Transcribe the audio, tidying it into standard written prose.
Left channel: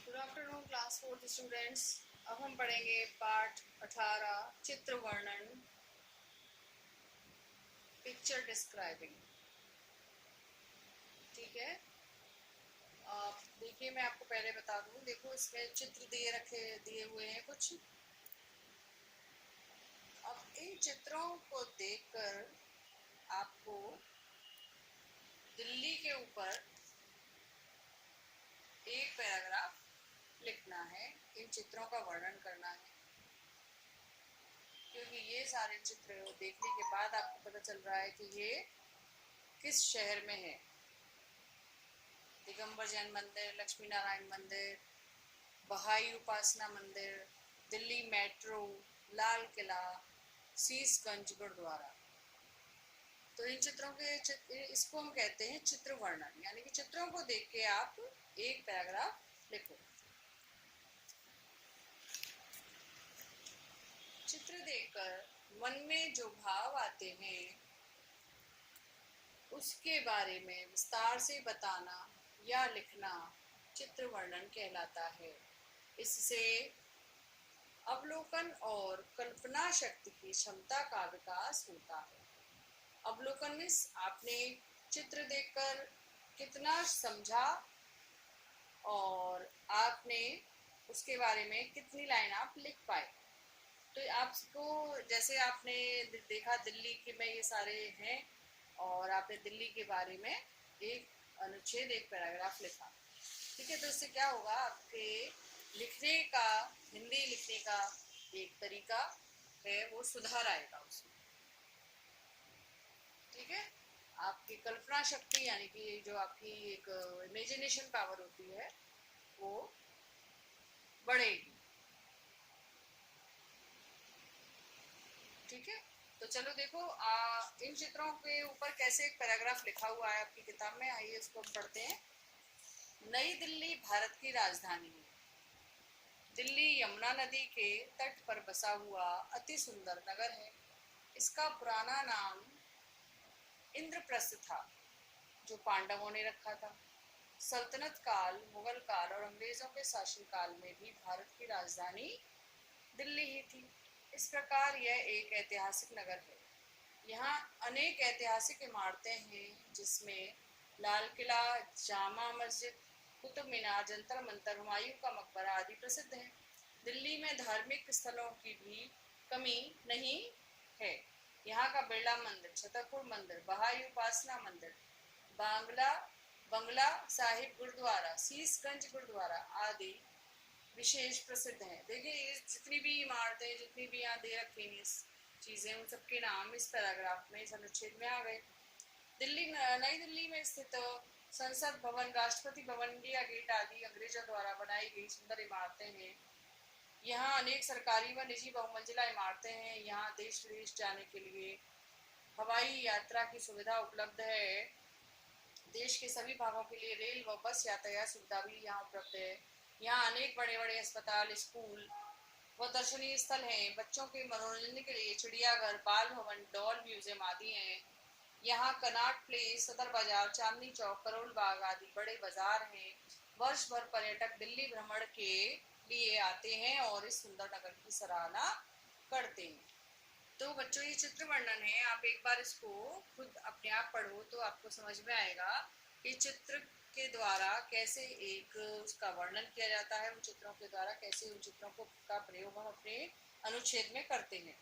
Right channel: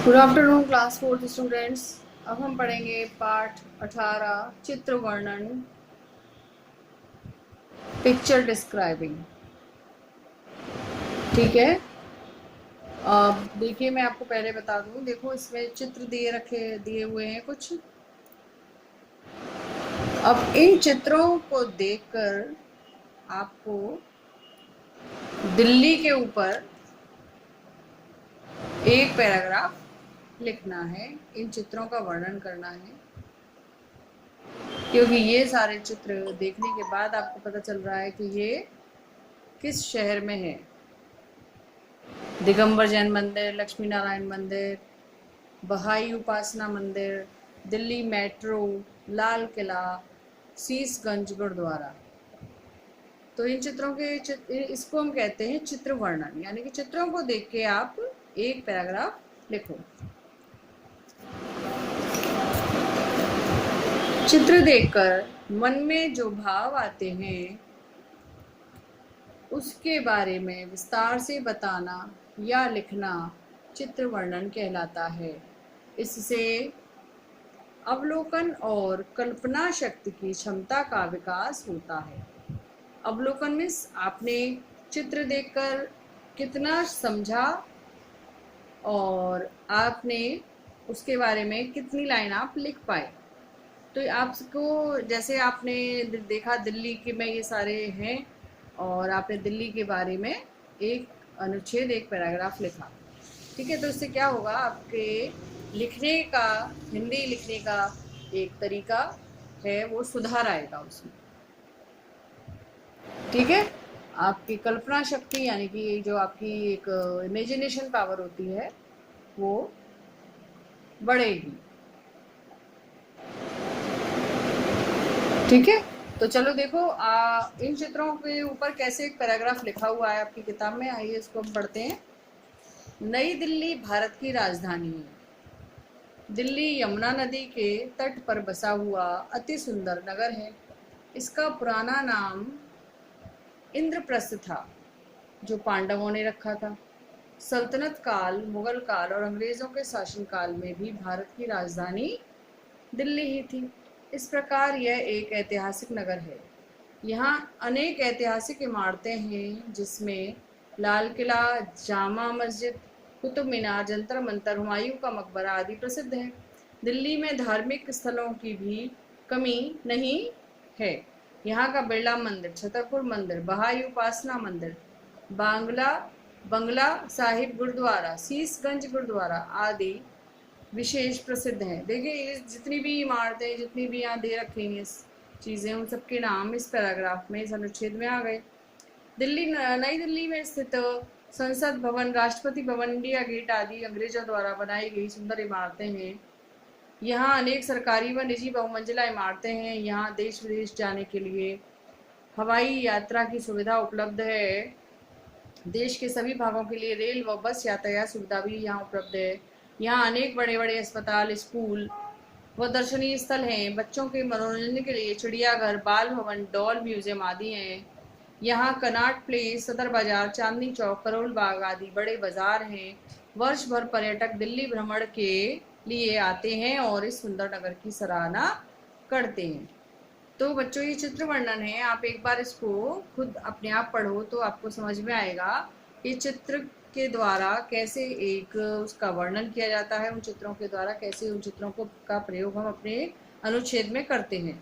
Good afternoon class fourth students. अब हम पढ़ेंगे पाठ 18 चित्र वर्णन, पिक्चर डिस्क्राइबिंग। ठीक है। अब देखिए, मैं आपको पहले बता दूं, देखो इसमें चित्र दिए हुए हैं कुछ। अब इन चित्रों को देखकर आपको दिल्ली के ऊपर एक पैराग्राफ लिखना है, इन चित्रों का वर्णन करना है, क्योंकि ये सारे चित्र देखने के बाद आपको पता चल रहा है कि ये किस शहर में है। दिगंबर जैन मंदिर, लक्ष्मी नारायण मंदिर, बहाई उपासना मंदिर, दिल्ली मेट्रो, लाल किला, शीशगंज गुरुद्वारा। तो इन चित्रों के इसको हम कहते हैं चित्र वर्णन, यानी कि चित्रों को देख के आप एक पैराग्राफ लिखो। चित्र देखकर मन में जो भाव आते हैं उसके बारे में विस्तार से बताना या लिखना चित्र वर्णन कहलाता है। इससे अवलोकन और कल्पना शक्ति की क्षमता का विकास होता है। अवलोकन मीन्स आपने चित्र देखकर कितना समझा और आपने उसके बारे में कितनी लाइन आप लिख पाए। तो आपको, जैसे आपने देखा दिल्ली के में ये सारे हैं और आपने दिल्ली के बारे में एक अनुच्छेद, एक पैराग्राफ लिखा। ठीक है, तो इससे क्या होगा, आपके लिखने का, हिंदी लिखने का एक तरीका है वो सुधार आएगा उसमें। ठीक है, आपकी कल्पना शक्ति यानी कि जो आपकी एक इमेजिनेशन पावर होती है वो बढ़ेगी। ठीक है, तो चलो देखो इन चित्रों के ऊपर कैसे एक पैराग्राफ लिखा हुआ है आपकी किताब में। आइए इसको हम पढ़ते हैं। नई दिल्ली भारत की राजधानी है। दिल्ली यमुना नदी के तट पर बसा हुआ अति सुंदर नगर है। इसका पुराना नाम इंद्रप्रस्थ था, जो पांडवों ने रखा था। सल्तनत काल, मुगल काल और अंग्रेजों के शासनकाल में भी भारत की राजधानी दिल्ली ही थी। इस प्रकार यह एक ऐतिहासिक नगर है। यहाँ अनेक ऐतिहासिक इमारतें हैं, जिसमें लाल किला, जामा मस्जिद, कुतुब मीनार, जंतर मंतर, हुमायूं का मकबरा आदि प्रसिद्ध है। दिल्ली में धार्मिक स्थलों की भी कमी नहीं है। यहाँ का बिरला मंदिर, छतरपुर मंदिर, बहाई उपासना मंदिर, बांग्ला बंगला साहिब गुरुद्वारा, शीशगंज गुरुद्वारा आदि विशेष प्रसिद्ध हैं। देखिए, ये जितनी भी इमारतें, जितनी भी यहाँ दे रखी हैं चीज़ें, उन सबके नाम इस पैराग्राफ में, इस अनुच्छेद में आ गए। नई दिल्ली में स्थित संसद भवन, राष्ट्रपति भवन, इंडिया गेट आदि अंग्रेजों द्वारा बनाई गई सुंदर इमारतें हैं। यहाँ अनेक सरकारी व निजी बहुमंजिला इमारतें हैं। यहाँ देश विदेश जाने के लिए हवाई यात्रा की सुविधा उपलब्ध है। देश के सभी भागों के लिए रेल व बस यातायात सुविधा भी यहाँ उपलब्ध है। यहाँ अनेक बड़े बड़े अस्पताल, स्कूल व दर्शनीय स्थल हैं। बच्चों के मनोरंजन के लिए चिड़ियाघर, बाल भवन, डॉल म्यूजियम आदि हैं। यहाँ कनॉट प्लेस, सदर बाजार, चांदनी चौक, करोल बाग आदि बड़े बाजार हैं। वर्ष भर पर्यटक दिल्ली भ्रमण के लिए आते हैं और इस सुंदर नगर की सराहना करते हैं। तो बच्चों, ये चित्र वर्णन है, आप एक बार इसको खुद अपने आप पढ़ो तो आपको समझ में आएगा कि चित्र के द्वारा कैसे एक उसका वर्णन किया जाता है, उन चित्रों के द्वारा कैसे उन चित्रों को का प्रयोग हम अपने अनुच्छेद में करते हैं।